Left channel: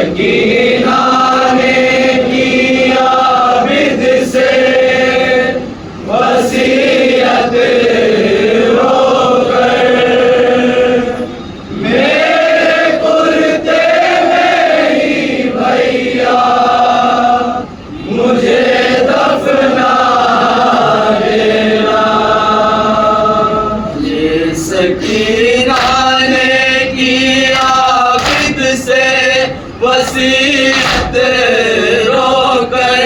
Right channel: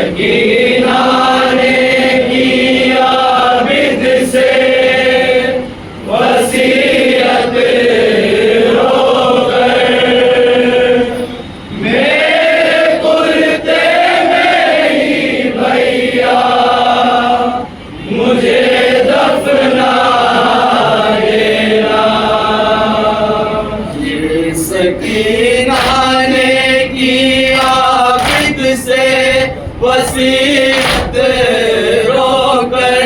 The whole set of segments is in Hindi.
सकीना ने किया बिद से वसीयत रोकर, मेरे कुर्ते में ही भैया मुझे दफना देना। ये सकीना ने किया बिद से वसीयत रोकर,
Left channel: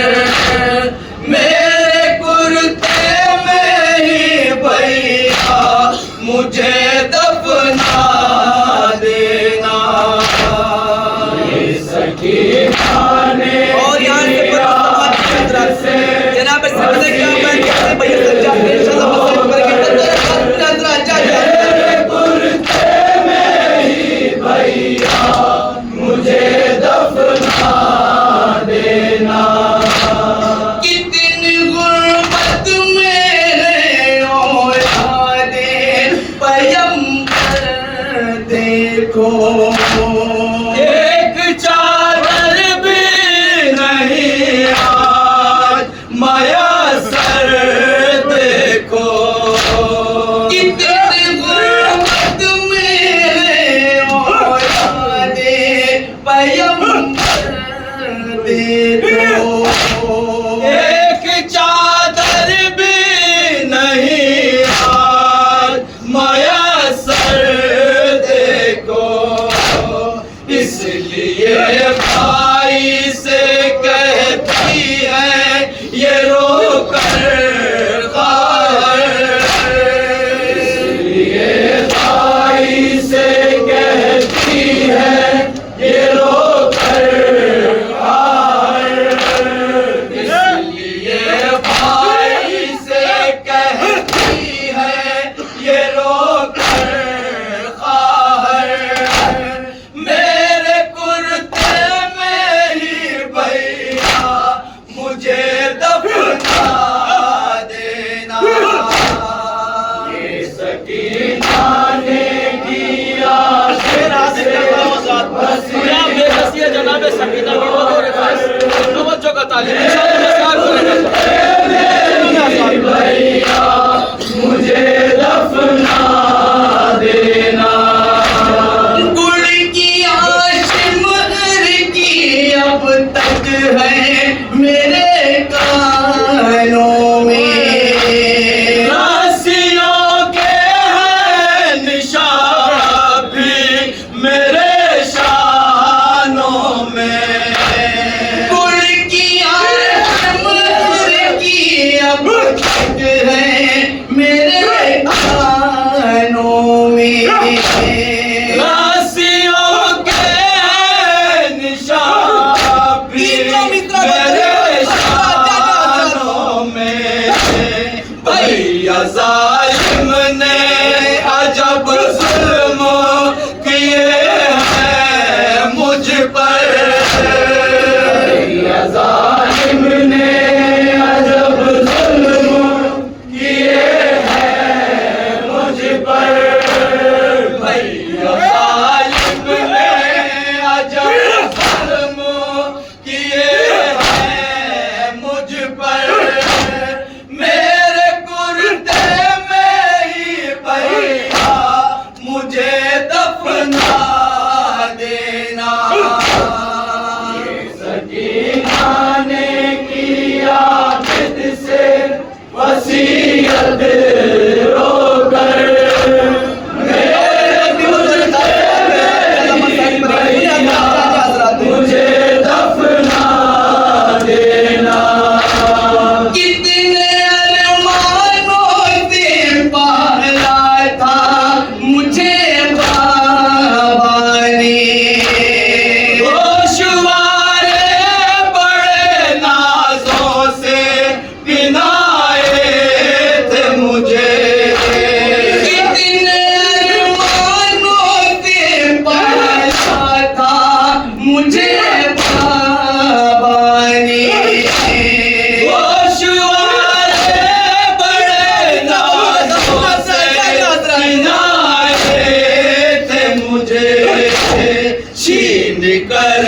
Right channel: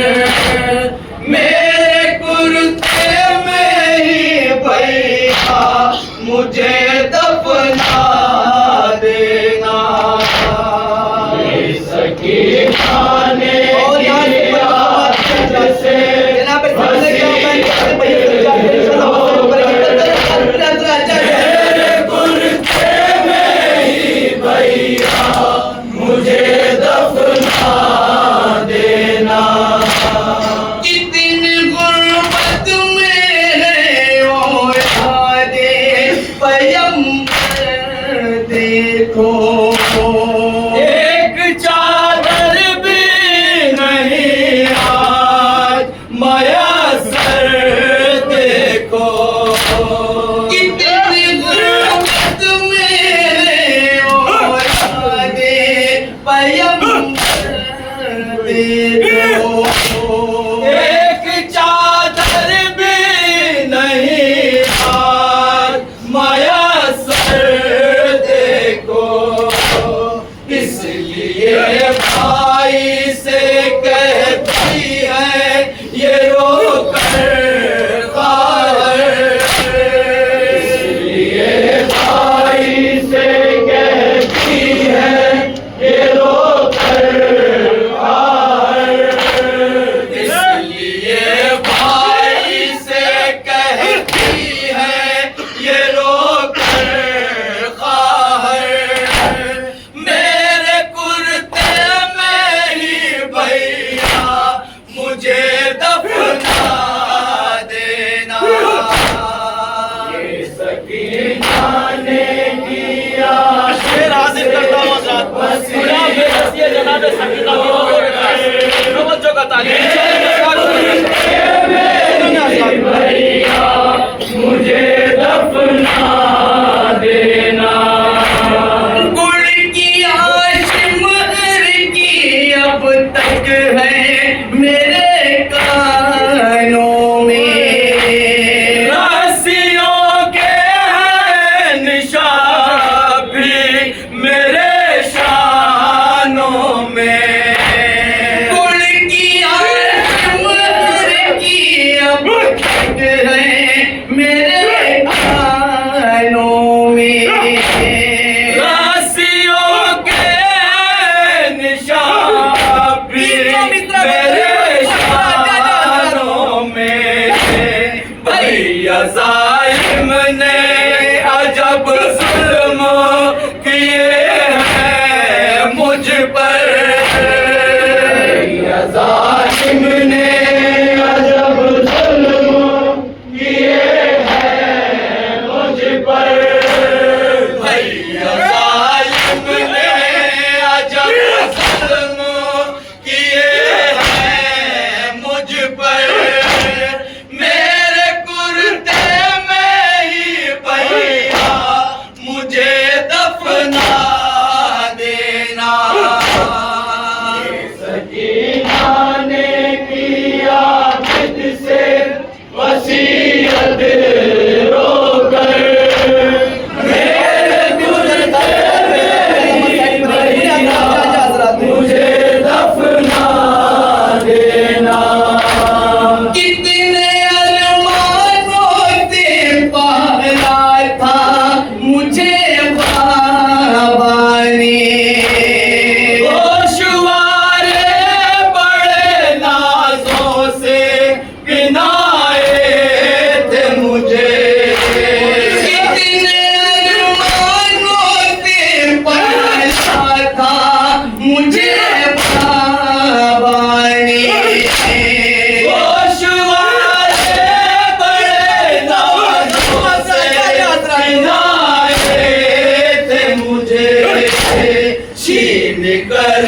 मेरे कुर्ते में ही भैया मुझे दफना देना। ये सकीना ने और यहाँ से जनाब सामने क्या मैं भैया से जाके इंशाल्लाह वसूल करेंगे। कुर्ते में ही भैया मुझे दफना देना। कितनी गुर्बत में औलादे पैगंबर देखो, एक चादर भी नहीं आज मयसर देखो। कितनी गुर्बत में औलादे पैगंबर देखो, एक चादर भी नहीं आज मयसर देखो। इसलिए भाई से कहती है ये रो कर ख्वाहिश, इसलिए भाई से कहती है ये रो कर ख्वाहिश, इसलिए भाई से कहती है ये रो कर ख्वाहिश, मेरे कुर्ते में ही भैया मुझे दफना देना। ये सकीना ने किया शेर हाजिर करता हूँ हज़रात। खुदा बेबसी जनाब सकीना की हज़ूर में तवज्जो का तालीम भैया मुझे दफना देना। गुड़ की आशिमर की अब तक है मेरे कानों में, रस्सियों के हैं निशान भी मेरे शानों में। गुड़ की आशिमर की अब तक है मेरे कानों में, रस्सियों के निशान भी मेरे शानों में। भैया जालिम ने अजब जुल्म किए हैं मुझ पर, भैया जालिम ने अजब जुल्म किए हैं मुझ पर। भैया जालिम ने अजब जुल्म किए हैं मुझ पर, मेरे कुर्ते में ही भैया मुझे दफना देना। ये सकीना ने किया बिद से वसीयत रोकर, मेरे कुर्ते में ही भैया मुझे दफना देना। कितने अरमानों से पाला था मुझे बाबा ने, गोशवारे बड़े नाजों से पिनाए थे मुझे। कितने अरमानों से पाला था मुझे बाबा ने, गोशवारे बड़े नाजों से पिनाए थे मुझे। छीन कर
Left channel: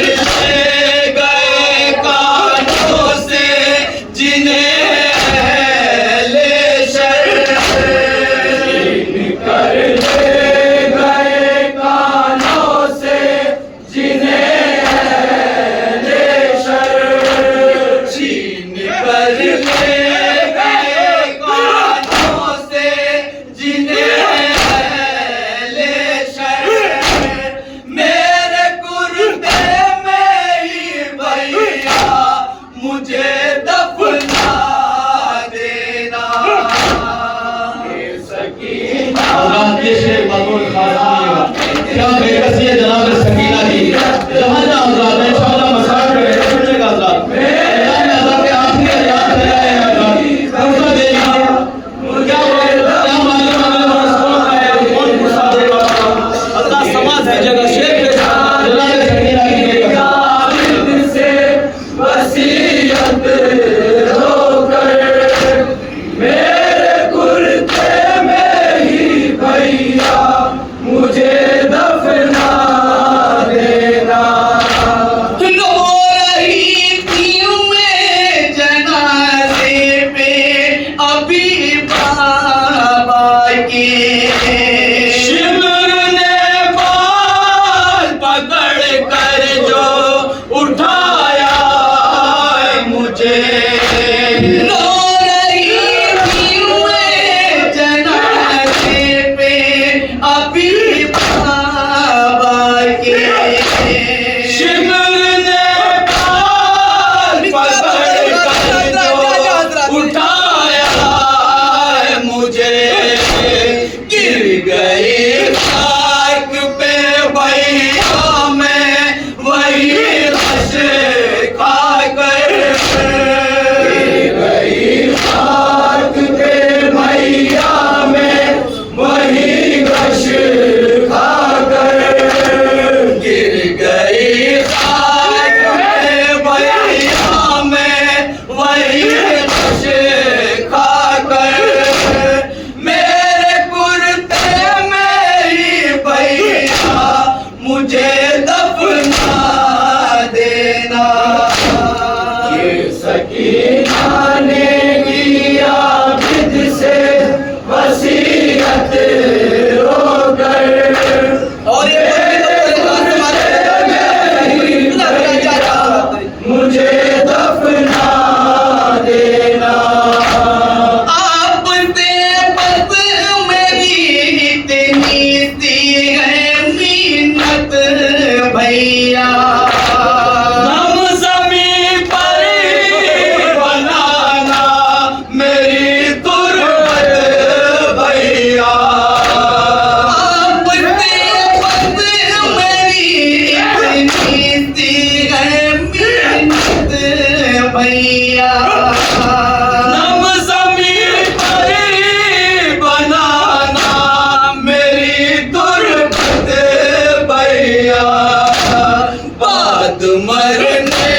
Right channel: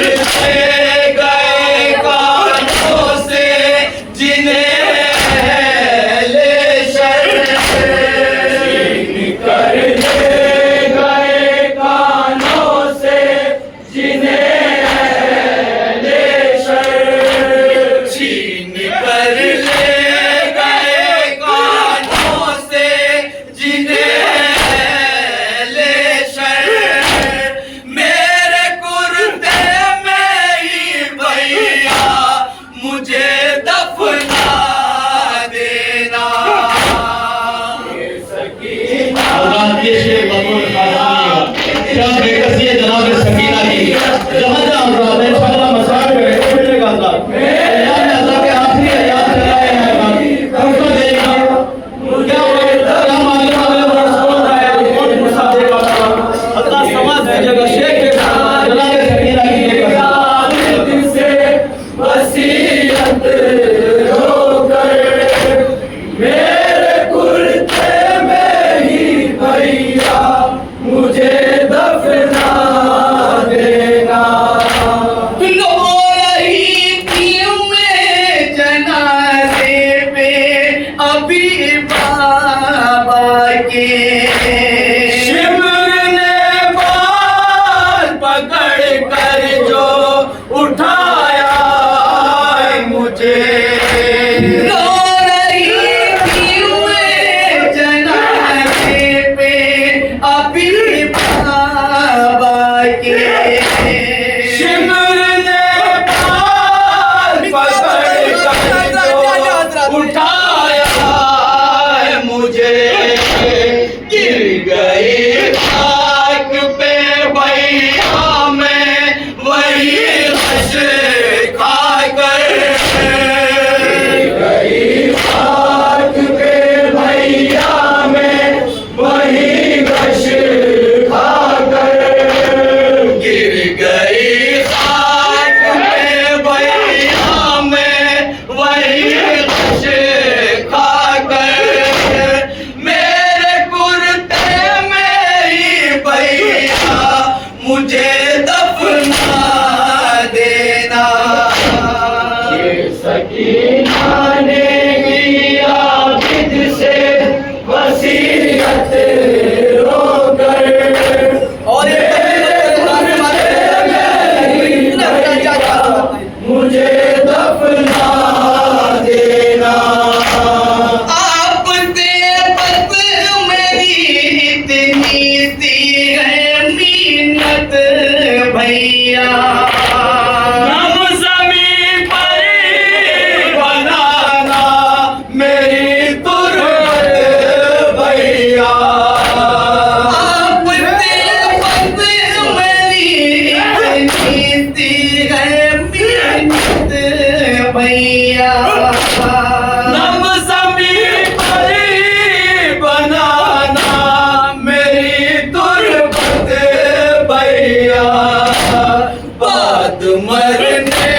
शिमर ने पकड़ कर जो उठाया है मुझे, गिर गई खाक पे भैया मैं वही रश खा कर, गई खाक पे भैया मैं वही रश खा कर, गिर गई खाक पे भैया मैं वही रश खा कर, मेरे कुर्ते में ही भैया मुझे दफना देना। ये सकीना ने किया जिद से वसीयत रोकर, और मुझे दफना देना। आप देवत मेरी इतनी सी है मिन्नत भैया, हम ज़मीं पर बनाना मेरी तुरबत भैया, आप देवत मेरी इतनी सी है मिन्नत भैया, हम ज़मीं पर बनाना मेरी तुरबत भैया, बाद मरने